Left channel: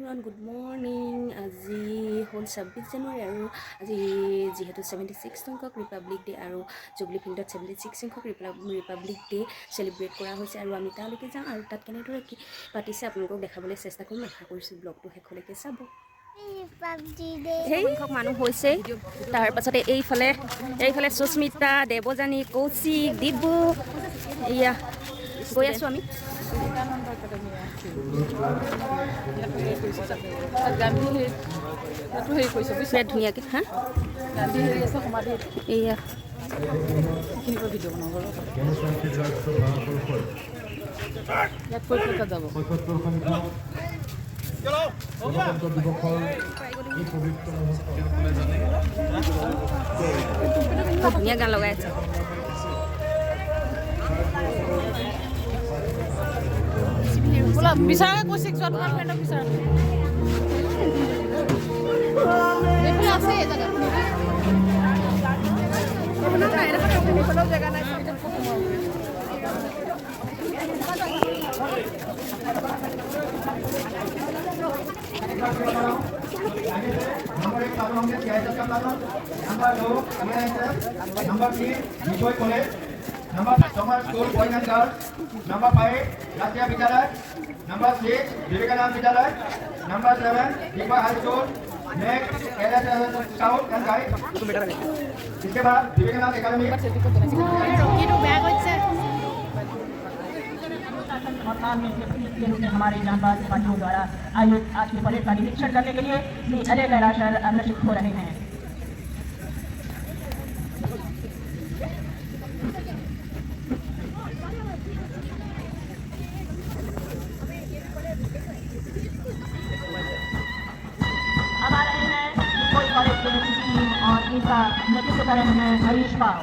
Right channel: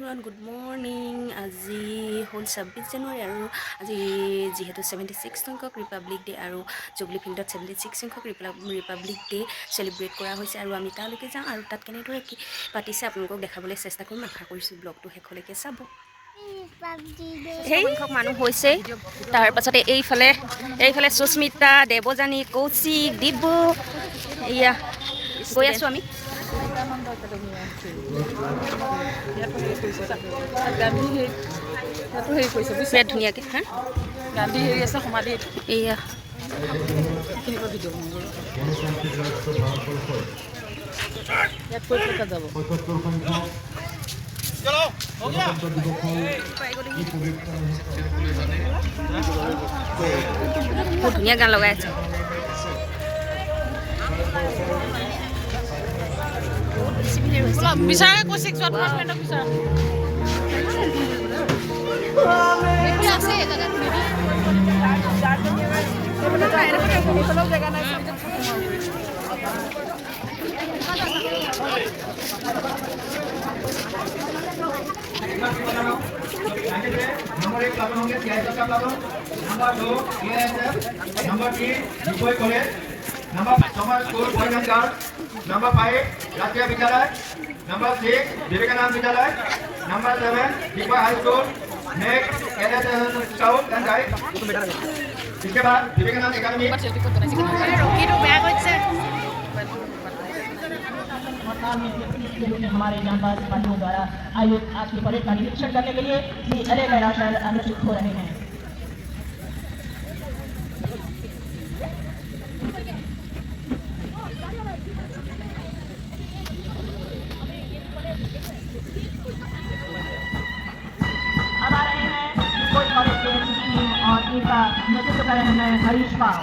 Everyone good morning. আজি হ'ল 26 জানুৱাৰী আৰু আজি যিহেতু 76 সংখ্যক ৰিপাব্লিক ডে' আৰু জুবলি ফিল্ডত 76 সংখ্যক ৰিপাব্লিক ডে' চেলিব্ৰেট কৰা হৈছে আৰু আমি তালৈকে যাওঁ আৰু তাত কেনেদৰে কি পাতিছে আপোনালোকক দেখাবলৈ চেষ্টা কৰিম। আশা কৰিছোঁ ব্লগটো শেষলৈকে চাব। সেই সংখ্যক মানুহ হৈছে। তাৰপাছতে এইফালে সুস্মিতা, দেৱযানী, কৌশিক, ডিব্ৰু, এয়া গৈ আছোঁ আমি। বিৰাট ধুনীয়াকৈ হা গান্ধী হেৰি আছে সমাধিত এয়া বহুত ধুনীয়া গান লগাই আছে। বিচাৰে কৈছে তোমাৰ ফ্ৰেণ্ডক বিচাৰা नंबर 1 पालन होंगे सियासा पालन, नंबर 2 ये है सर, नंबर 3 विजय कॉलेज, नंबर 5 समाज school boys and girls, number 5 राष्ट्रीय विद्यालय, नंबर 6 विवेकानंद विद्यालय, number 7 Deepa high school, next LS scout and guide, इसके बाद विवेकानंद एकेडमी हमारे जांबाज सिपाहियों द्वारा आयोजित आज की परेड का निरीक्षण करने के लिए अलग लगाकर अग्रसर हो रहे हैं। अब आ रहे हैं कॉलेज के और इनका नेतृत्व कर रहे हैं हरीश पाल।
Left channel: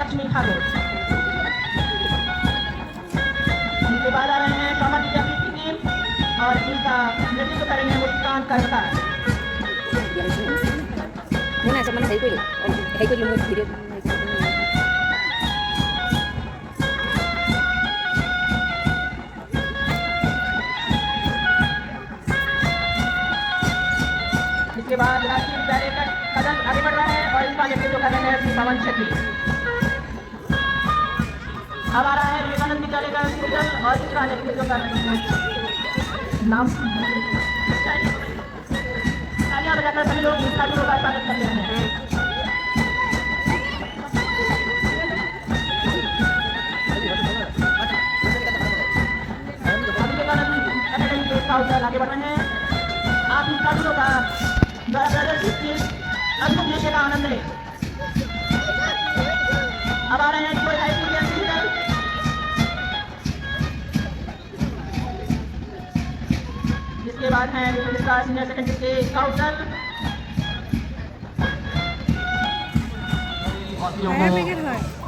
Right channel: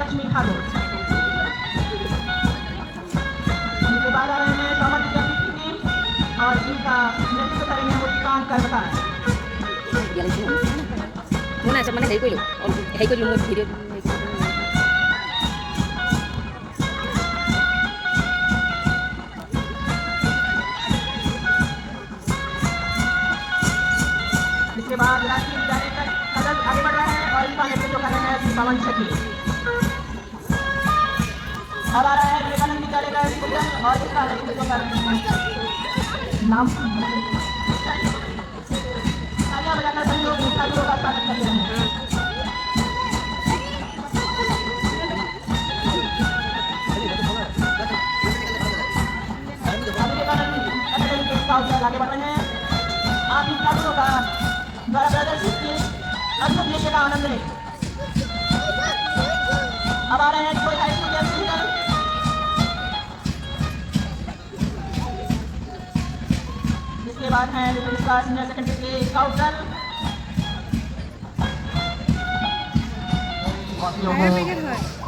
लक्ष्मी ठाकुर इनके बाद आ रहे हैं स्वामी की टीम और इनका नेतृत्व करेंगे मुस्कान करता। মোৰ নাই মানে হেৰি কৰিলোঁ মোৰ ভিডিঅ' इसके बाद राष्ट्रीय विद्यालय का कदम आगे बढ़ रहे हैं और इनका नेतृत्व कर रहे हैं पवन शक्ति। अब आ रहा है विवेकानंद विद्यालय का और इसका नेतृत्व कर रहे हैं नाम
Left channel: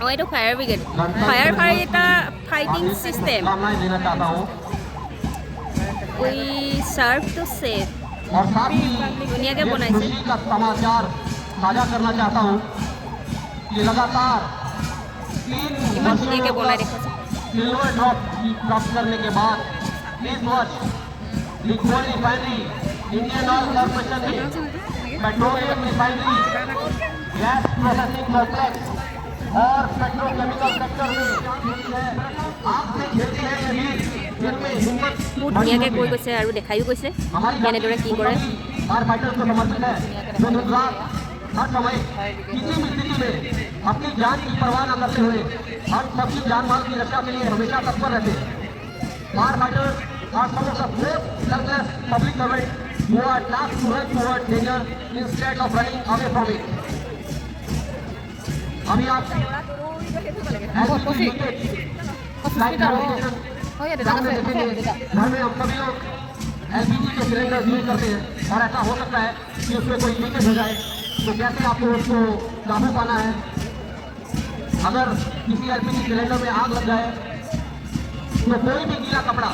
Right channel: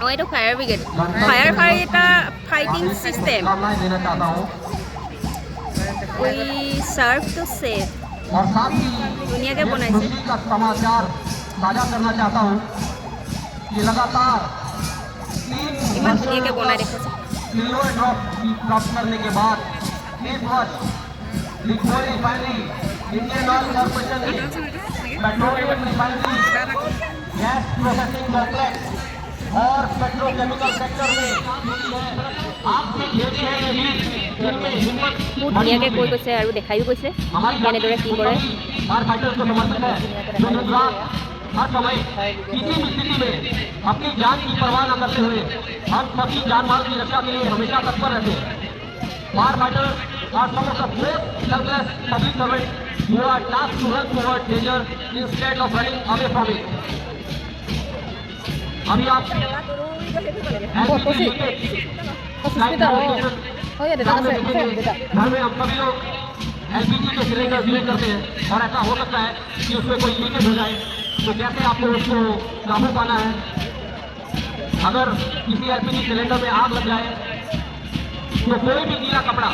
অঁ এইটো ফায়াৰ ব্ৰিগেড। ফায়াৰ এটা ফাইটিং চিষ্টেম। উই চাৰ্ভ টু ছেভ। ধুনীয়াকৈ বনাইছে। ইমান ধুনীয়াকৈ বনাই দেখাইছে। বহুত ধুনীয়াকৈ কৈ গৈছে আৰু দেখায়ো গৈছে কেনেদৰে কি কৰে। हर समय किसी भी स्थिति में अपनी जान की परवाह न करते हुए हम सबकी जान माल की रक्षा के लिए हमेशा तत्पर रहते हैं। Firefighters are some of the most selfless public servant who are tasked to run towards danger instead of running away from it. अभी आप घर में हम सभी लोग एलपीजी के सिलेंडर यूज करते हैं और ऐसा हो सकता है कि उसमें कोई लीकेज हो जाए, तो कैसे आपको उसको काबू पाना है। अगर किसी एलपीजी सिलेंडर में आग लग जाए तो कोई भी गीला कपड़ा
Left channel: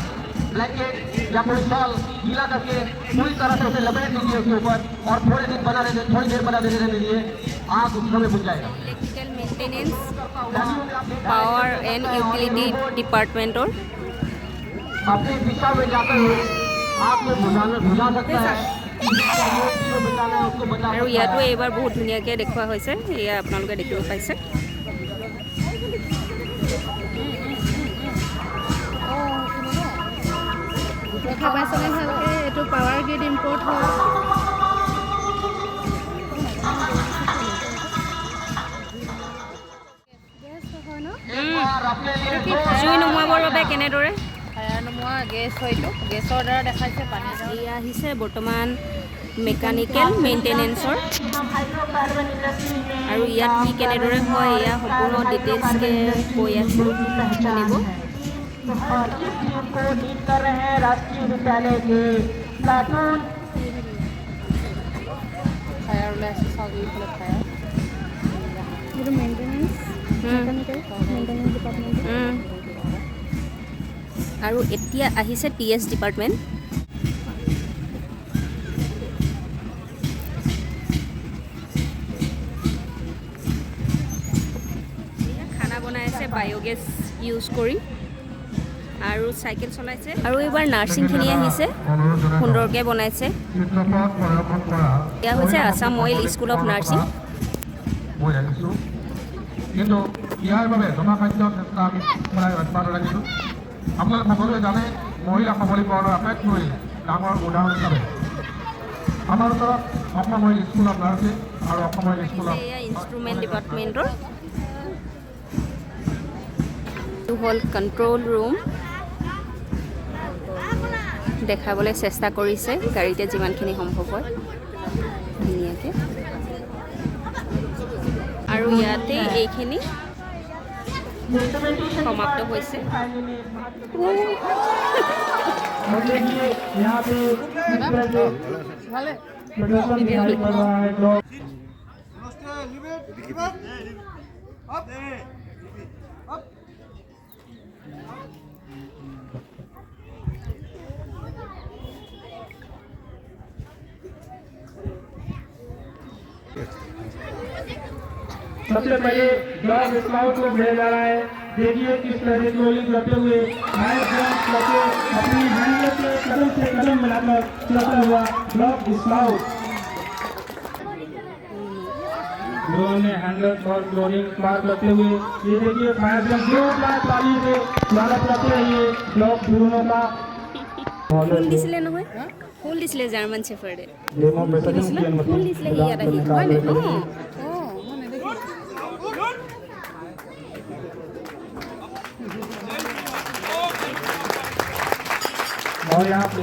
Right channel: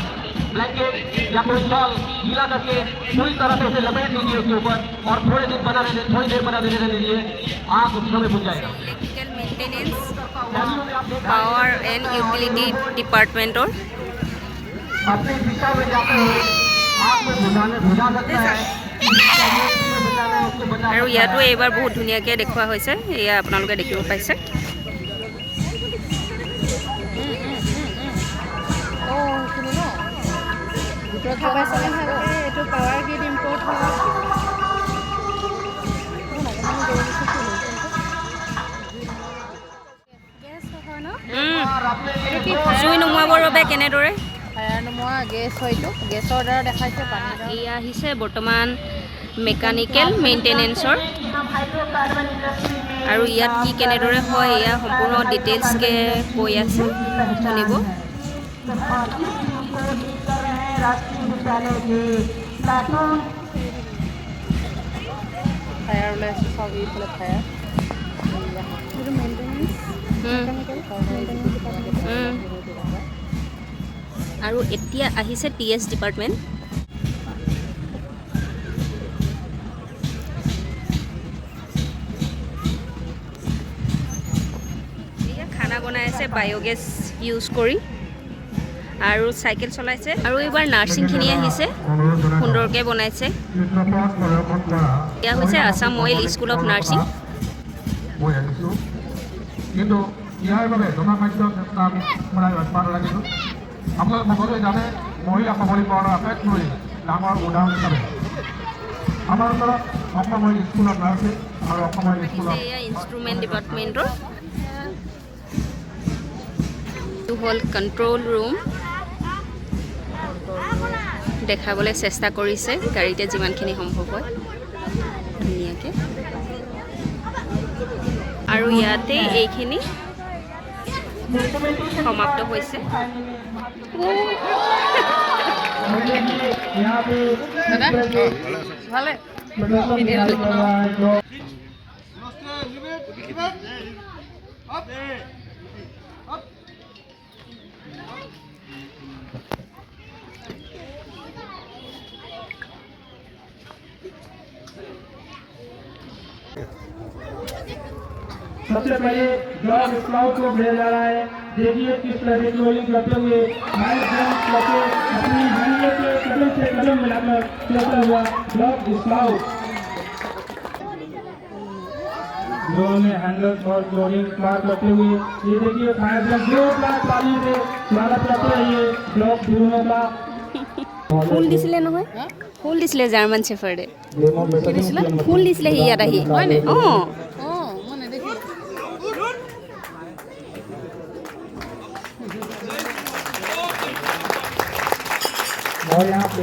ब्लैंकेट या कोई शॉल गीला करके पूरी तरह से उसे लपेट दीजिए उसके ऊपर और थोड़ी देर बना रहने दीजिए। आग उस समय बुझ जाएगा। Electrical maintenance power and utility डिपार्टमेंटर अपने दिशा में जाते हुए आग में बुझा सकता है। আৰু ইয়াতো এইবাৰ বহুত ধুনীয়াকৈ দেখুওৱা হৈছে। এয়া আপোনালোকে দেখিব পাইছে। দেখা পাইছেনে ভালকৈ? এইটো পাৱাৰ গ্ৰিড ইম্পৰ্ট হয়। গেছ হয় ন? জুই নুমুৱাবৰ বাবে কেনেদৰে ফায়াৰ নোমোৱা গেছ হয়তো গেছৰ দ্বাৰা দেখাইছে পানী। এয়া আহিছে বৰ্তমান মেকানিকেল মেইনটেনেন্সৰ আৰু ইয়াত কি কেনেদৰে হয় এয়া সম্পূৰ্ণ ডিটেইলছকৈ কৈ আছে, শুনিব। ফায়াৰ ওলাইছে চাওক এইফালে ফায়াৰ। এইটো মেইনটেনেঞ্চ আৰু এতিয়া আহিছে TS ডিপাৰ্টমেণ্ট। এয়া খানা বনাই আছে বায়'গেছ ইউজ কৰি আৰু চাইকেল চলাইছে আৰু এইবাৰ নাৰ্ছিংখিনি আহিছে, সুন্দৰকৈ বনাইছে। এয়া হৈছে Assam oil school of nursing. কিন্তু ইয়াৰ বাবে জনখাদ্য ৰাখিছোঁ। আপোনালোক সকলোৱে জানে মহিলা সবলীকৰণৰ আটাইতকৈ ডাঙৰ উদাহৰণ হিচাপে আমাৰ ওচৰত Assam oil school of nursing আৰু অসম অইল স্কুল অফ এয়া ইনষ্ট্ৰুমেণ্ট ডিপাৰ্টমেণ্টৰ। এইটো হ'ল কণ্ট্ৰল ৰুম। দেখাবলৈ চেষ্টা কৰিছে গাড়ীতে যিমানখিনি সম্ভৱ হয় ধুনীয়াকৈ। আৰু ইয়াতে এইখিনি সমাপ্ত হৈছে। ভালে सबसे पहले ब्लॉक स्काउट को भेजा जा रहा है। देखिए किस तरह से रोलिंग करते हुए अपनी हैंडल के कदम से कदम मिलाकर चलता हुआ ब्लॉक स्काउट उन्होंने हैंडल और रोलिंग क्लास करते हुए ये देखिए फायर ब्रिगेड 2 ग्लास पानी से स्वागत करते हैं ये ब्लॉक दोनों का। ফুল দিছিলে নহয়, ফুল দিছিলে জাৰ্মান চেফাৰ্ডে, ফুল দিছিলে সি ইয়াত আহি। और यहाँ पे